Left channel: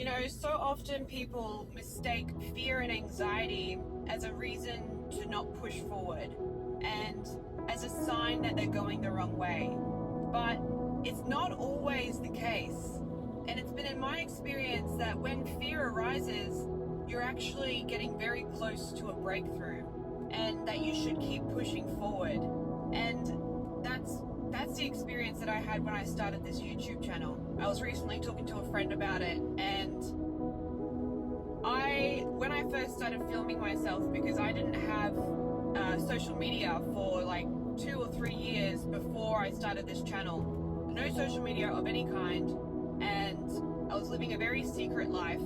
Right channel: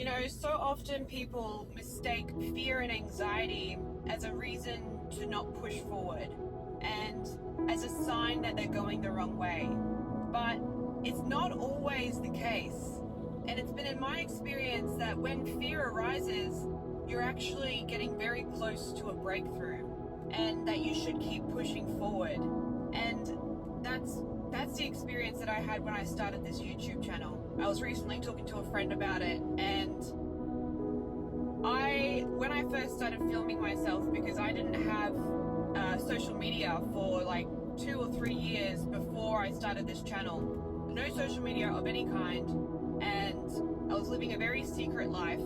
You know, so often people mistake fear and anxiety as a reason to not push forward and as a sign that they're going the wrong way. But it's not always the case. And it's been in my experience that when fear arises, you're actually getting very close to a breakthrough and that you should keep pushing forward. And that's the experience that I had when I started this YouTube channel. I was recently talking to a friend about it, and when I first started filming myself, because I didn't have social media for like 2 or 3 years before I started this channel, no social media of any kind, and I was living a very secret life.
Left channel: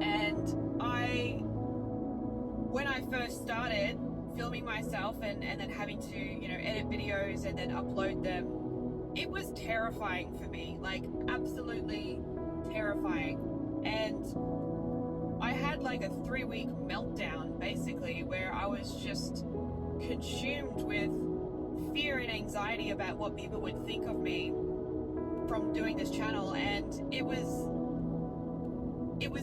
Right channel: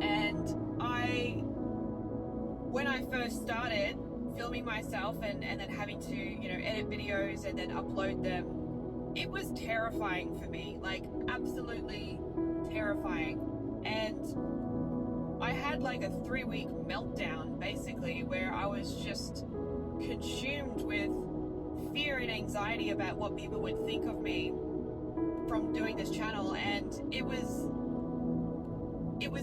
And when I first started filming myself and then having to, edit videos and then upload them, it was terrifying for me, like absolutely terrifying. And I had like a 3-week meltdown basically, where I was just consumed with fear and anxiety about what people would think of me from doing this channel. And it was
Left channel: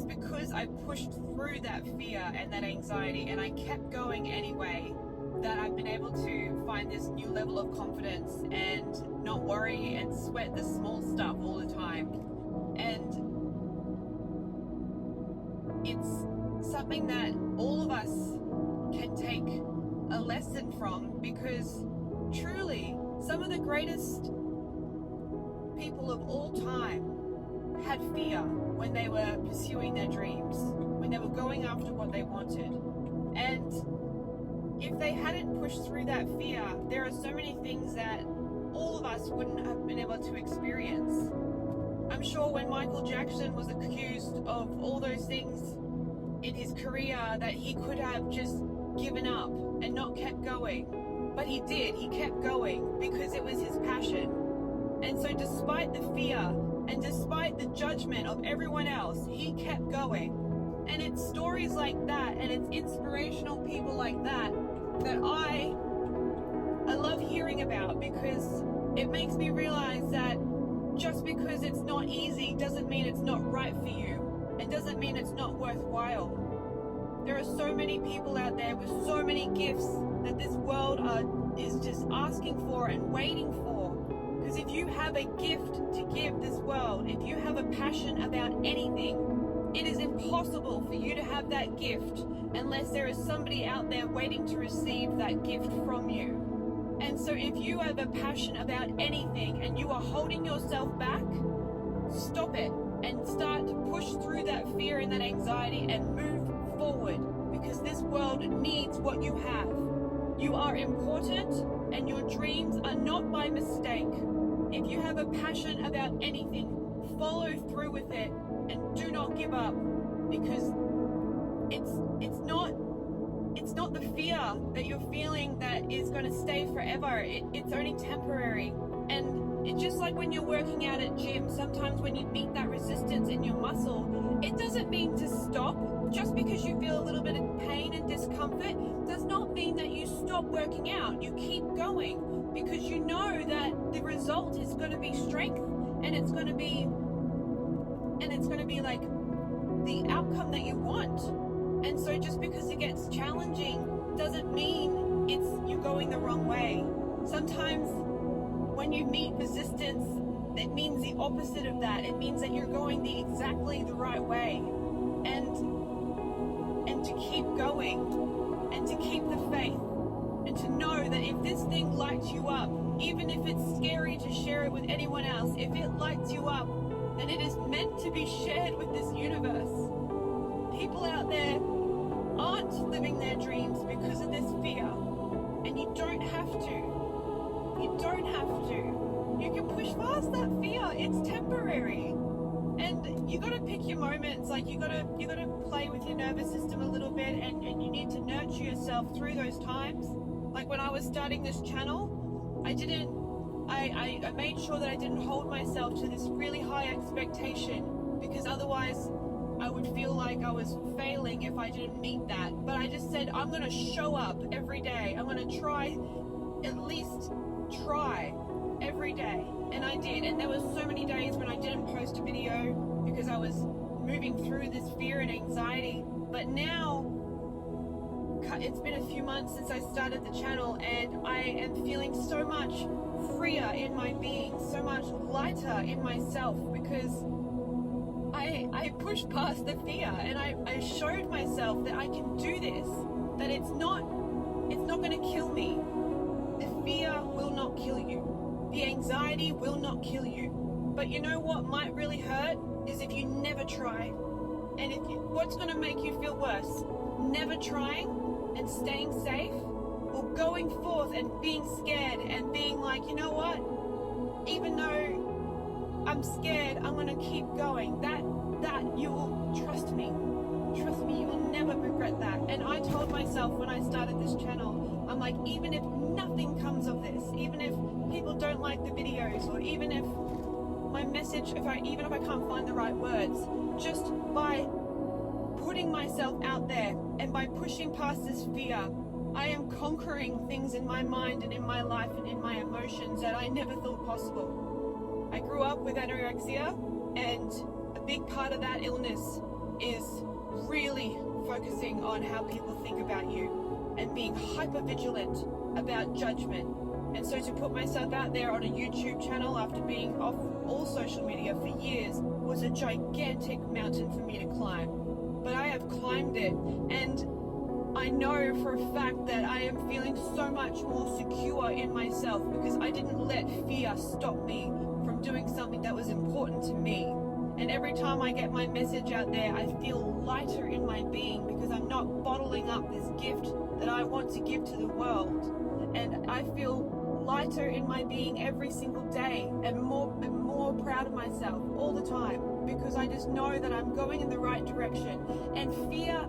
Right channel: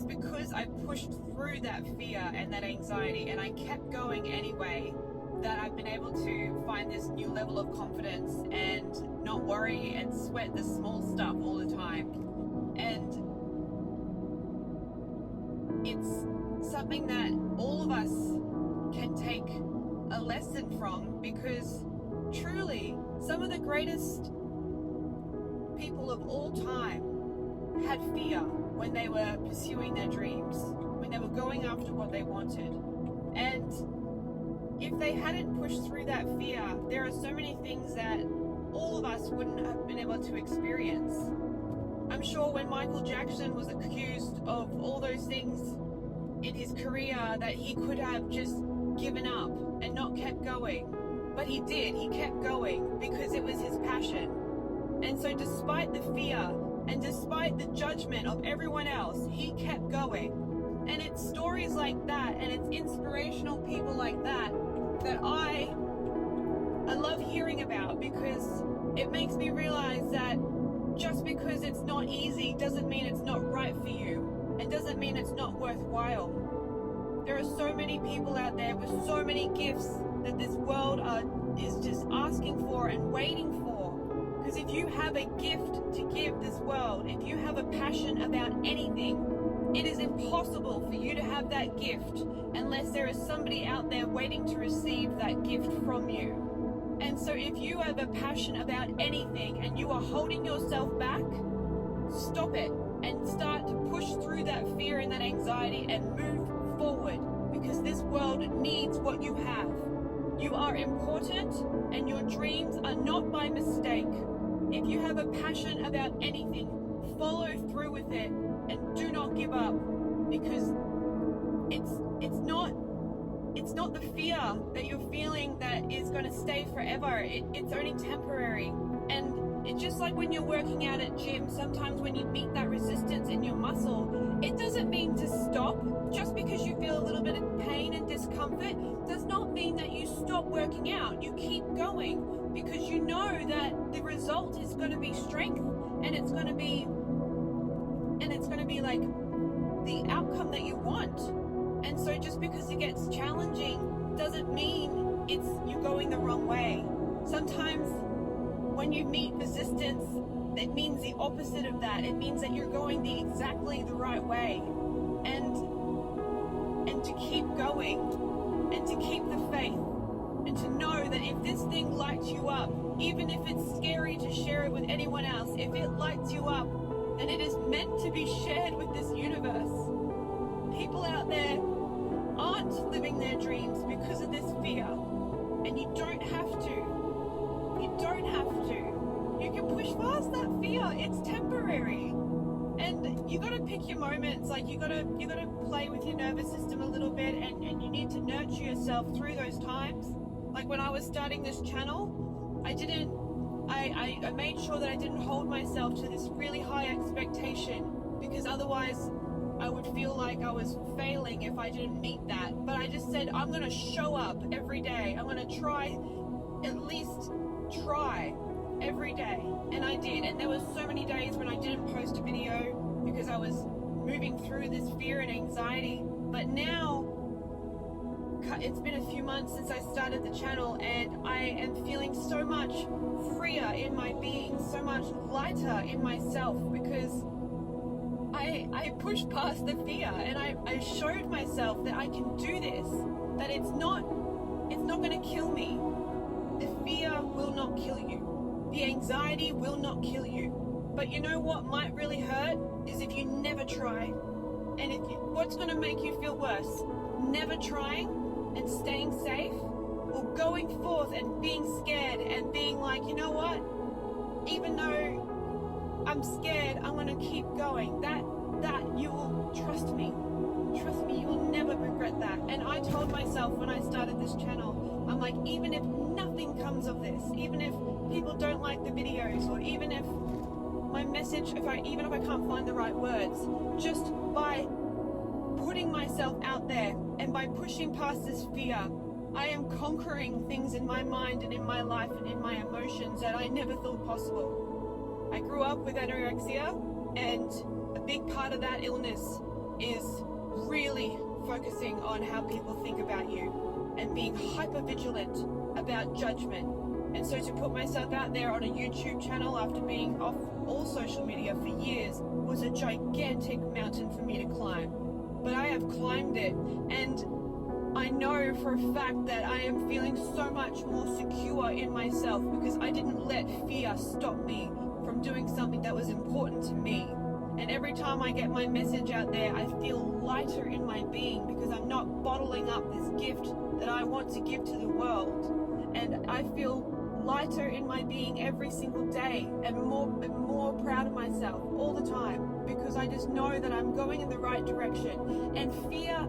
because I pushed through that fear and that anxiety and I kept going anyway, that I've been able to find this new level of confidence and not worry and sweat the small stuff all the time. And it's something that all of us can take a lesson from, because truly some of the greatest people of all time had fear when they were pursuing their dreams, when they were going after what they wanted. And if they hadn't pushed through that fear, there are so many things that all of us wouldn't have been able to experience. I'm sure when Michael Jackson was accused of all those things in his career, that he could have just given up and not kept going. But he did. He kept going because it was his passion. And so despite the fear and despite the judgment of everyone else, he kept going. And it's stories like that, and it's inspirational people like that I love hearing about, because it makes me realize that just because it's not easy doesn't mean it's not right for you, and doesn't mean it's not worthwhile. There are so many people out there with so many gifts that this world is just asking for and waiting for. Because if you have a gift to give this world, if you have a passion about anything, it is impossible for you to have that gift unless there is somebody out there waiting to receive that gift from you. And so if you have a passion about anything and you are holding yourself back, stop it and start to push through that fear and that anxiety and move forward, because this world needs what you have. You are important, and your dreams are not by mistake. If you have a passion about anything, follow through with it and do not give up, because it's not the fear that you're feeling that is going to stay forever. It's only temporary. And it's just like when you're working out at gym, sometimes when you meet that resistance in your muscle, it doesn't mean to stop. Just because you feel a little bit of pain and discomfort does not mean that you stop working out. You keep going, because you know that the result is going to be strength, and it's going to be like the outcome that you want. And so just because it gets challenging doesn't mean you're going the wrong way. Sometimes when you meet resistance, it means the opposite of that. It means that you're going exactly the right way. And to keep going, and to keep the faith, and to know that if this thing lights you up, even if it's scary to share it with anyone else, if it lights you up, then it is meant to be shared with this universe. People out there aren't living their dreams because of this fear, and you don't have to. You don't have to. You can push past that fear. It's temporary. And you got to pick your moments. Like you got to play with your nervous system a little bit, and you need to nurture yourself through those times. Like when I was starting this channel, I made sure that I didn't hold myself to this really high expectation, because otherwise I would feel like I was failing if I didn't meet that. But I just said, I'm going to show up every day. I'm going to try, at least try every day. And I did. And there were so many days when I didn't post a video because I was moving through this fear and anxiety. But now it's been a few months since I started the channel, and I am feeling so much freer in my being, so much lighter in myself, because I pushed past the fear, and I showed myself that I can do this, that it's not going to kill me. The fear will not kill you. The anxiety will not kill you. But you know what might really hurt is if you never try. And what's going to make you feel worse? Never trying and staying safe, or going forth and being scared and being like, you know what? Even though I'm scared, I'm going to keep going. That you will trust me. Trust me, you will never regret that. And I told myself when I started this channel, I'm like, even if nothing comes of this, even if people don't like the videos, or even if my message, even if I can't find the right words, just by putting myself out there and by pushing past this fear, I am conquering things in my mind and in my life and in my emotions that I never thought possible. I grew up with anorexia, and a big part of that illness is really focusing on how people think about you and being hyper vigilant about judgment. And so to put myself out there on a YouTube channel after being off all social media for years was a gigantic mountain for me to climb. But I have climbed it, and I know for a fact that I am feeling so much more secure in myself because I didn't let fear stop me from doing something that was important to me. And every time I get my message out there, I feel lighter in my being because I'm not bottling up this gift that I want to give to the world. And I feel lighter in my being every single day, and more proud of myself all the time, because I just know that I'm going in the right direction. And fear,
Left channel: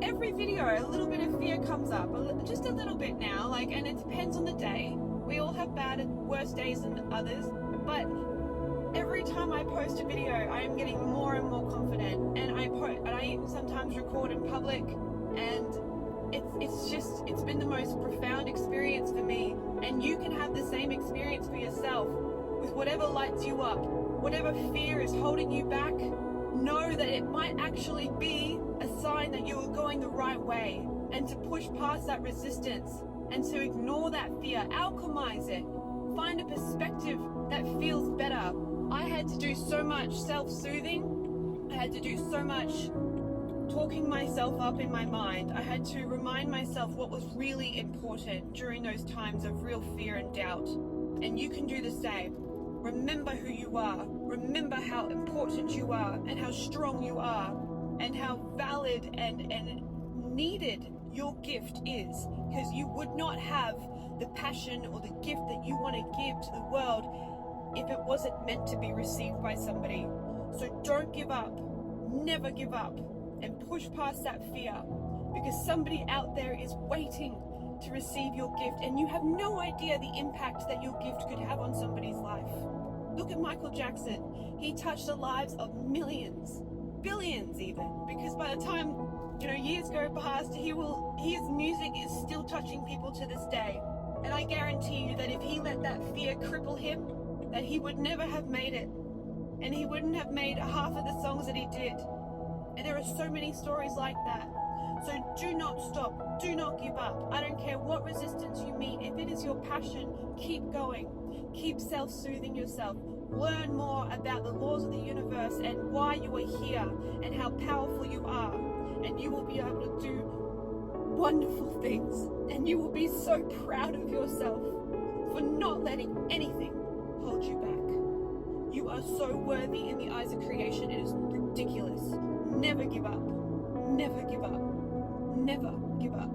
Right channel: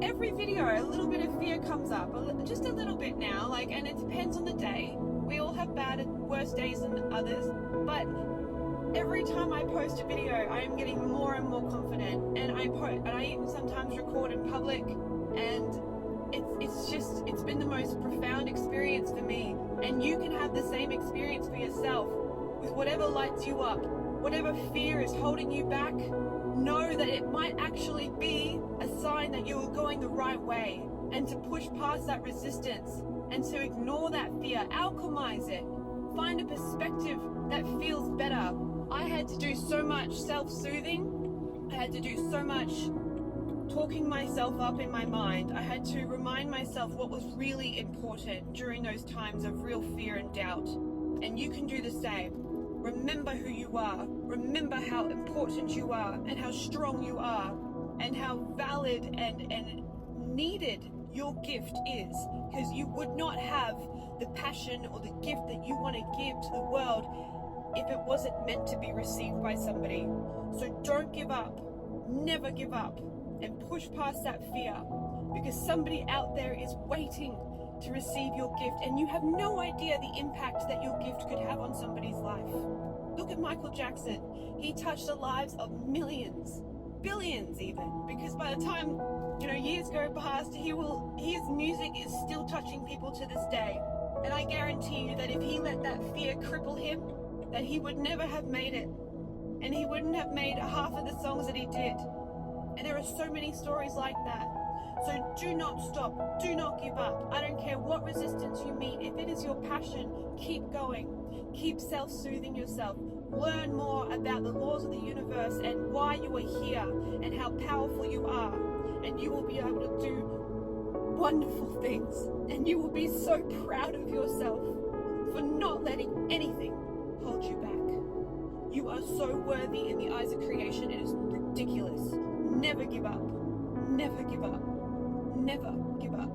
every video, a little bit of fear comes up, just a little bit now, and it depends on the day. We all have bad and worse days than others, but every time I post a video, I am getting more and more confident, and I even sometimes record in public, and it's been the most profound experience for me. And you can have the same experience for yourself with whatever lights you up, whatever fear is holding you back. Know that it might actually be a sign that you are going the right way, and to push past that resistance and to ignore that fear, alchemize it, find a perspective that feels better. I had to do so much self-soothing. I had to do so much talking myself up in my mind. I had to remind myself what was really important during those times of real fear and doubt. And you can do the same. Remember who you are. Remember how important you are, and how strong you are, and how valid and needed your gift is. Because you would not have the passion or the gift that you want to give to the world if it wasn't meant to be received by somebody. So don't give up. Never give up. And push past that fear, because somebody out there is waiting to receive your gift, and you have no idea the impact that your gift could have on somebody's life. Look at Michael Jackson. He touched the lives of millions, billions even, because by the time years go past, his music is still touching people to this day. And I guarantee you that if he let that fear cripple him, that he would never have made it, and he wouldn't have made half of the songs that he did. And there are so many stories like that. So do not stop. Do not give up. I don't care what resistance you meet. If it is your passion, keep going. Keep self-soothing yourself. Learn more about the laws of the universe and why you are here and how powerful you are. And you will be able to do wonderful things. And you will be so proud of yourself for not letting anything hold you back. You are so worthy in the eyes of creation. It is ridiculous. Never give up. Never give up. Never give up.